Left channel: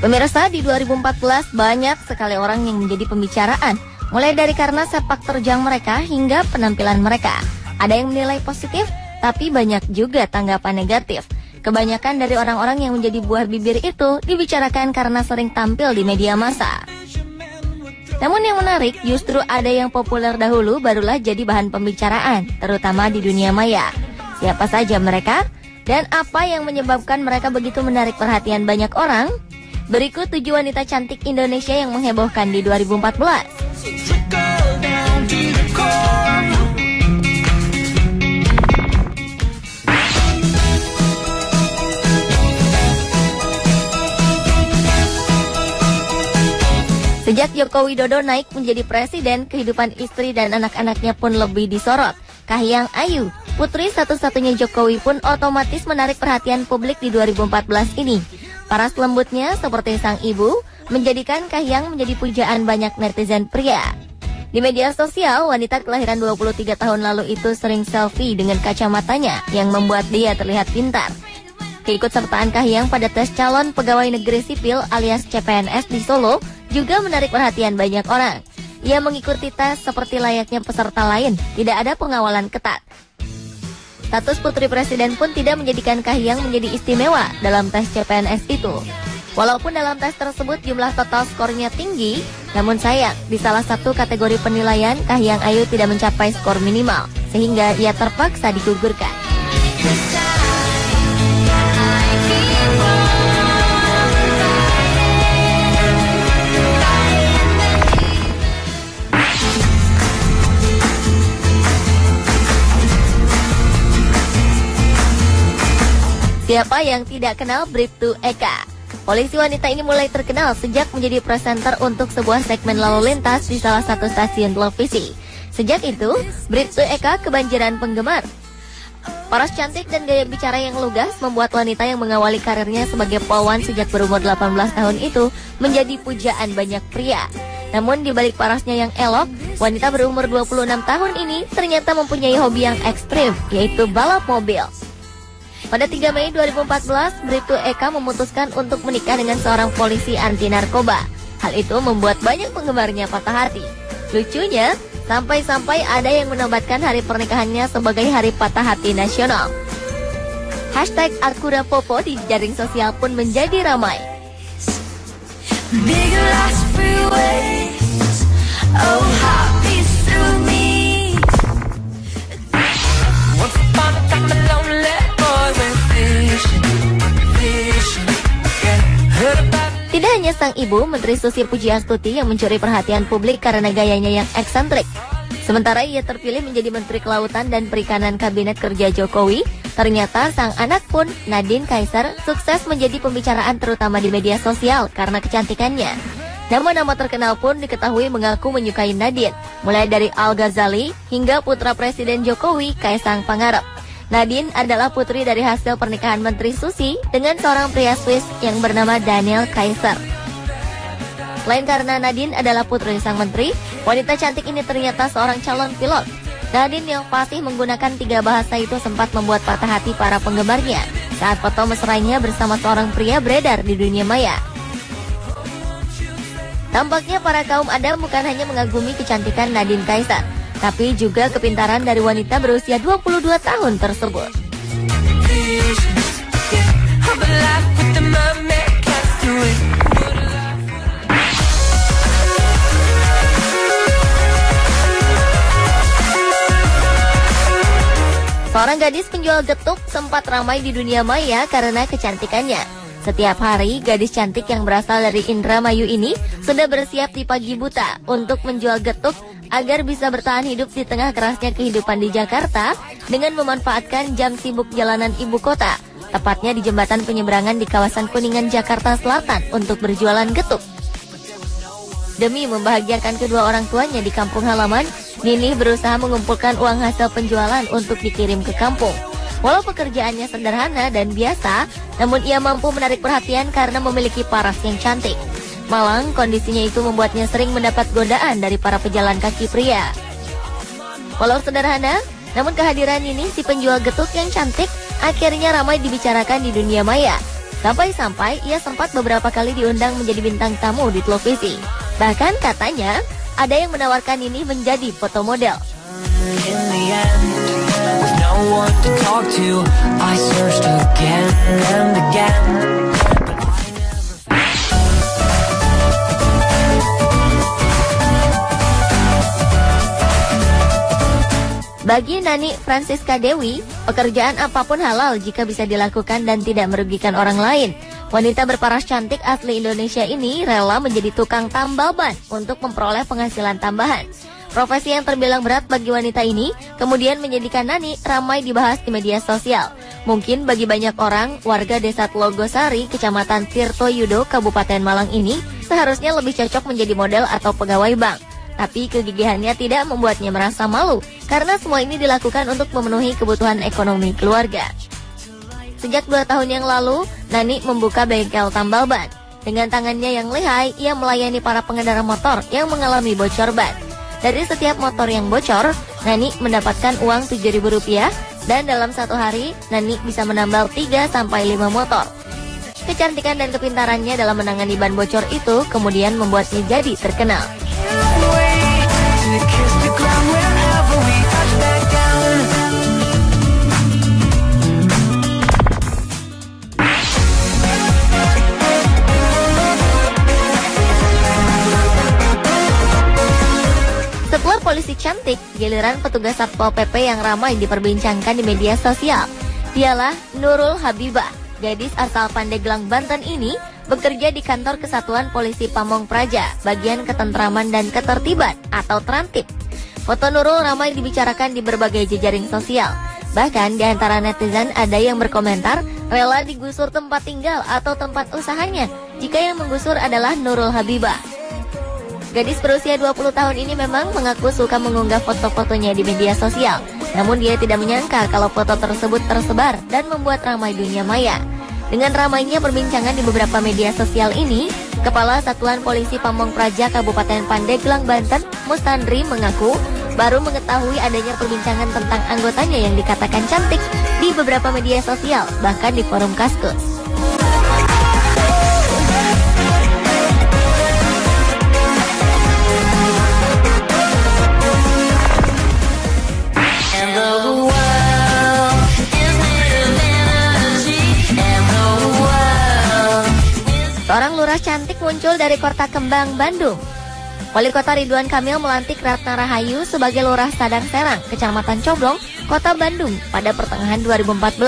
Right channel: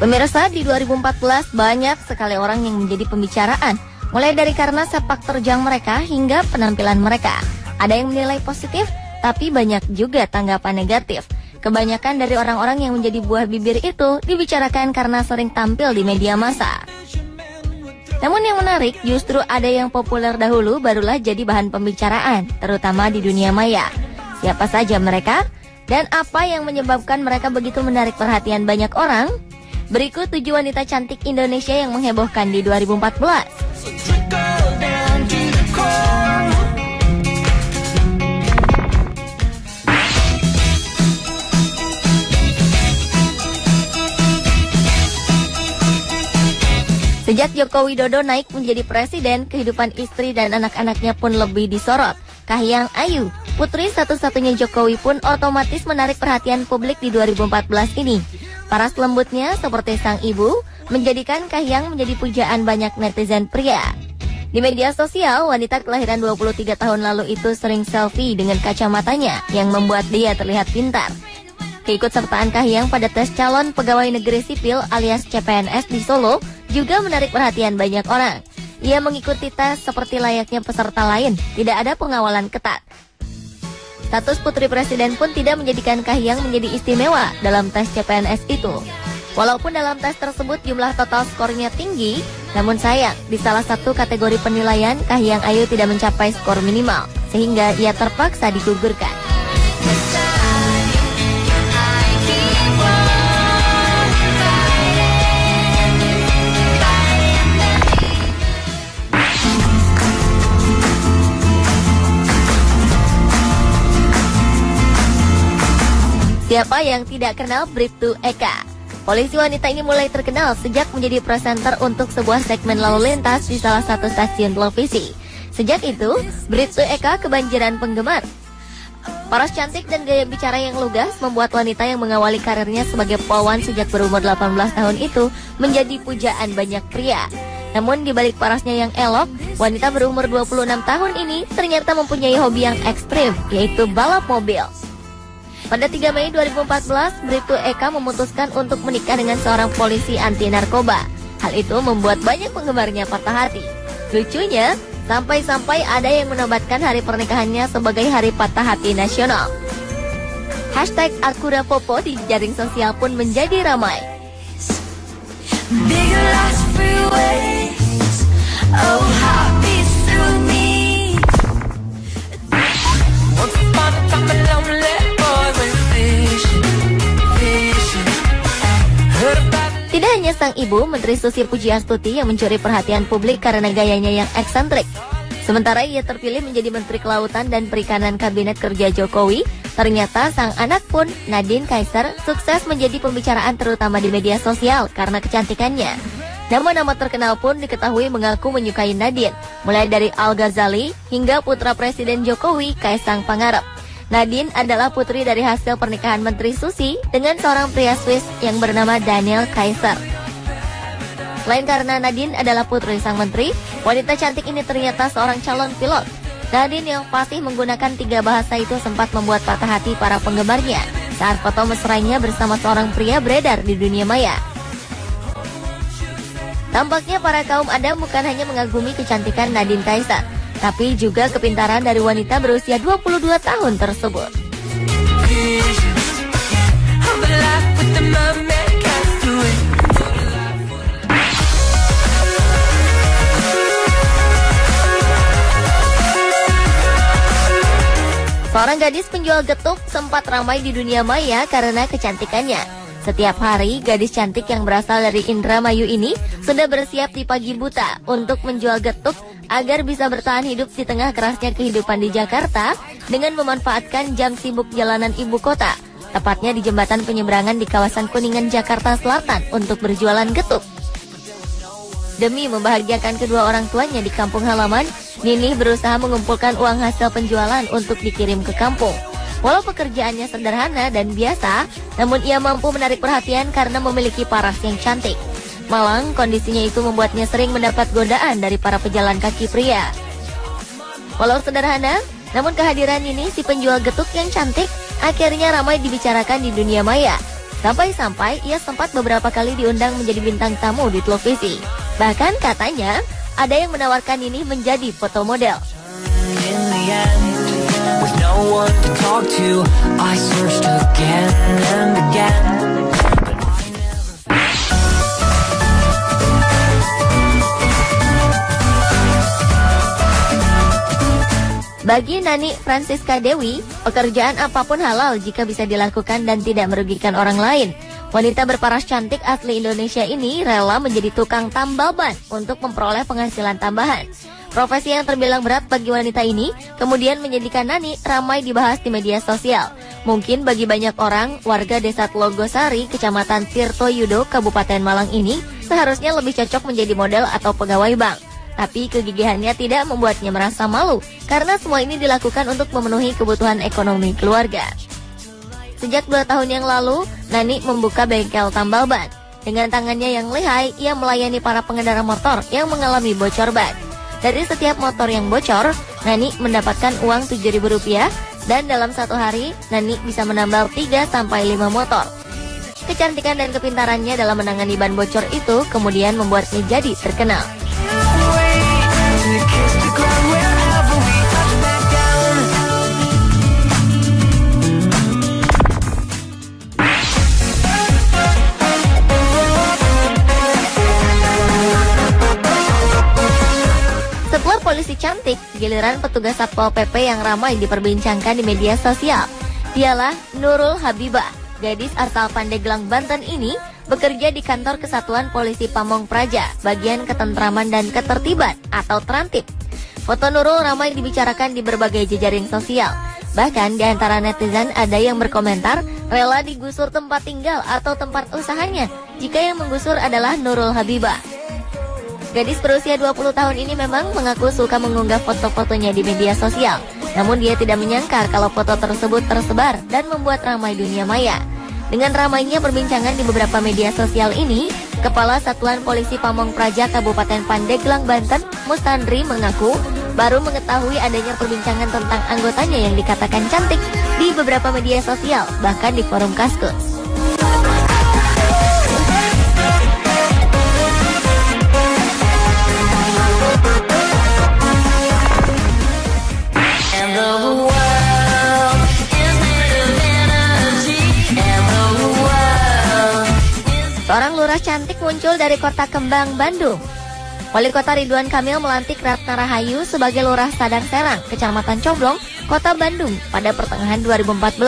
Pemirsa, di 2014 banyak sekali orang yang menjadi pembicaraan, mulai dari karena sepak terjang mereka hingga penampilan mereka. Ada yang menilai positif, tapi banyak juga tanggapan negatif. Kebanyakan dari orang-orang yang menjadi buah bibir itu dibicarakan karena sering tampil di media massa. Namun yang menarik, justru ada yang populer dahulu barulah jadi bahan pembicaraan, terutama di dunia maya. Siapa saja mereka? Dan apa yang menyebabkan mereka begitu menarik perhatian banyak orang? Berikut 7 wanita cantik Indonesia yang menghebohkan di 2014. Sejak Joko Widodo naik menjadi presiden, kehidupan istri dan anak-anaknya pun lebih disorot. Kahiyang Ayu, putri satu-satunya Jokowi, pun otomatis menarik perhatian publik di 2014 ini. Paras lembutnya seperti sang ibu menjadikan Kahiyang menjadi pujaan banyak netizen pria. Di media sosial, wanita kelahiran 23 tahun lalu itu sering selfie dengan kacamatanya yang membuat dia terlihat pintar. Keikutsertaan Kahiyang pada tes calon pegawai negeri sipil alias CPNS di Solo juga menarik perhatian banyak orang. Ia mengikuti tes seperti layaknya peserta lain, tidak ada pengawalan ketat. Status putri presiden pun tidak menjadikan Kahiyang menjadi istimewa dalam tes CPNS itu. Walaupun dalam tes tersebut jumlah total skornya tinggi, namun sayang di salah satu kategori penilaian Kahiyang Ayu tidak mencapai skor minimal, sehingga ia terpaksa digugurkan. Siapa yang tidak kenal Bribtu Eka? Polisi wanita ini mulai terkenal sejak menjadi presenter untuk sebuah segmen lalu lintas di salah satu stasiun televisi. Sejak itu, Bribtu Eka kebanjiran penggemar. Paras cantik dan gaya bicara yang lugas membuat wanita yang mengawali karirnya sebagai pelawan sejak berumur 18 tahun itu menjadi pujaan banyak pria. Namun di balik parasnya yang elok, wanita berumur 26 tahun ini ternyata mempunyai hobi yang ekstrim, yaitu balap mobil. Pada 3 Mei 2014, Bribtu Eka memutuskan untuk menikah dengan seorang polisi anti narkoba. Hal itu membuat banyak penggemarnya patah hati. Lucunya, sampai-sampai ada yang menobatkan hari pernikahannya sebagai hari patah hati nasional. Hashtag #AkuDaPopo di jaring sosial pun menjadi ramai. Tidak hanya sang ibu, Menteri Susi Pujiastuti yang mencuri perhatian publik karena gayanya yang eksentrik. Sementara ia terpilih menjadi Menteri Kelautan dan Perikanan Kabinet Kerja Jokowi, ternyata sang anak pun, Nadine Kaisar, sukses menjadi pembicaraan terutama di media sosial karena kecantikannya. Nama-nama terkenal pun diketahui mengaku menyukai Nadine, mulai dari Al Ghazali hingga putra Presiden Jokowi, Kaisang Pangarep. Nadine adalah putri dari hasil pernikahan Menteri Susi dengan seorang pria Swiss yang bernama Daniel Kaiser. Selain karena Nadine adalah putri sang menteri, wanita cantik ini ternyata seorang calon pilot. Nadine yang fasih menggunakan 3 bahasa itu sempat membuat patah hati para penggemarnya saat foto mesranya bersama seorang pria beredar di dunia maya. Tampaknya para kaum Adam bukan hanya mengagumi kecantikan Nadine Kaiser, tapi juga kepintaran dari wanita berusia 22 tahun tersebut. Seorang gadis penjual getuk sempat ramai di dunia maya karena kecantikannya. Setiap hari, gadis cantik yang berasal dari Indramayu ini sudah bersiap di pagi buta untuk menjual getuk agar bisa bertahan hidup di tengah kerasnya kehidupan di Jakarta dengan memanfaatkan jam sibuk jalanan ibu kota, tepatnya di jembatan penyeberangan di kawasan Kuningan, Jakarta Selatan untuk berjualan getuk. Demi membahagiakan kedua orang tuanya di kampung halaman, Nini berusaha mengumpulkan uang hasil penjualan untuk dikirim ke kampung. Walau pekerjaannya sederhana dan biasa, namun ia mampu menarik perhatian karena memiliki paras yang cantik. Malang, kondisinya itu membuatnya sering mendapat godaan dari para pejalan kaki pria. Walau sederhana, namun kehadiran ini si penjual getuk yang cantik akhirnya ramai dibicarakan di dunia maya. Sampai-sampai ia sempat beberapa kali diundang menjadi bintang tamu di televisi. Bahkan katanya ada yang menawarkan ini menjadi foto model. Bagi Nani Francisca Dewi, pekerjaan apapun halal jika bisa dilakukan dan tidak merugikan orang lain. Wanita berparas cantik asli Indonesia ini rela menjadi tukang tambal ban untuk memperoleh penghasilan tambahan. Profesi yang terbilang berat bagi wanita ini kemudian menjadikan Nani ramai dibahas di media sosial. Mungkin bagi banyak orang, warga desa Tlogosari, Kecamatan Tirtoyudo, Kabupaten Malang ini seharusnya lebih cocok menjadi model atau pegawai bank. Tapi kegigihannya tidak membuatnya merasa malu, karena semua ini dilakukan untuk memenuhi kebutuhan ekonomi keluarga. Sejak 2 tahun yang lalu, Nani membuka bengkel tambal ban. Dengan tangannya yang lihai, ia melayani para pengendara motor yang mengalami bocor ban. Dari setiap motor yang bocor, Nani mendapatkan uang Rp7.000, dan dalam 1 hari, Nani bisa menambal 3-5 motor. Kecantikan dan kepintarannya dalam menangani ban bocor itu kemudian membuatnya jadi terkenal. Sebuah polisi cantik, giliran petugas Satpol PP yang ramai diperbincangkan di media sosial. Dialah Nurul Habibah. Gadis asal Pandeglang, Banten ini bekerja di kantor Kesatuan Polisi Pamong Praja, bagian ketentraman dan ketertiban atau Trantip. Foto Nurul ramai dibicarakan di berbagai jejaring sosial. Bahkan di antara netizen ada yang berkomentar rela digusur tempat tinggal atau tempat usahanya jika yang menggusur adalah Nurul Habibah. Gadis berusia 20 tahun ini memang mengaku suka mengunggah foto-fotonya di media sosial. Namun dia tidak menyangka kalau foto tersebut tersebar dan membuat ramai dunia maya. Dengan ramainya perbincangan di beberapa media sosial ini, Kepala Satuan Polisi Pamong Praja Kabupaten Pandeglang, Banten, Mustandri mengaku baru mengetahui adanya perbincangan tentang anggotanya yang dikatakan cantik di beberapa media sosial, bahkan di forum Kaskus. Seorang lurah cantik muncul dari Kota Kembang, Bandung. Wali Kota Ridwan Kamil melantik Ratna Rahayu sebagai Lurah Sadar Serang, Kecamatan Coblong, Kota Bandung pada pertengahan 2014.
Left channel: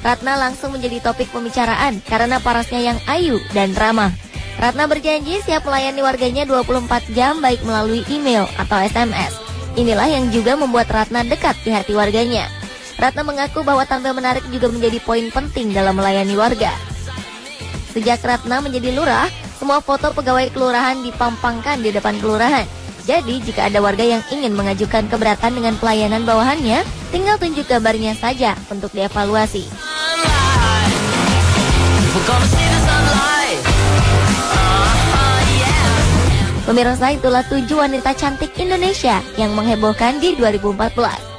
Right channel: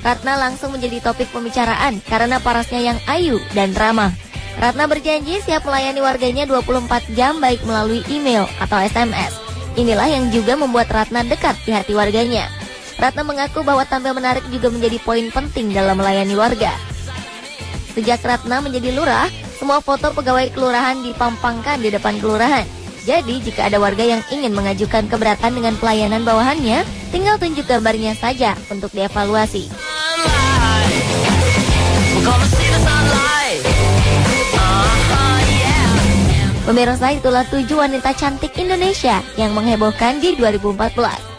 Ratna langsung menjadi topik pembicaraan karena parasnya yang ayu dan ramah. Ratna berjanji siap melayani warganya 24 jam baik melalui email atau SMS. Inilah yang juga membuat Ratna dekat di hati warganya. Ratna mengaku bahwa tampil menarik juga menjadi poin penting dalam melayani warga. Sejak Ratna menjadi lurah, semua foto pegawai kelurahan dipampangkan di depan kelurahan. Jadi jika ada warga yang ingin mengajukan keberatan dengan pelayanan bawahannya, tinggal tunjuk gambarnya saja untuk dievaluasi. Pemirsa, itulah 7 wanita cantik Indonesia yang menghebohkan di 2014.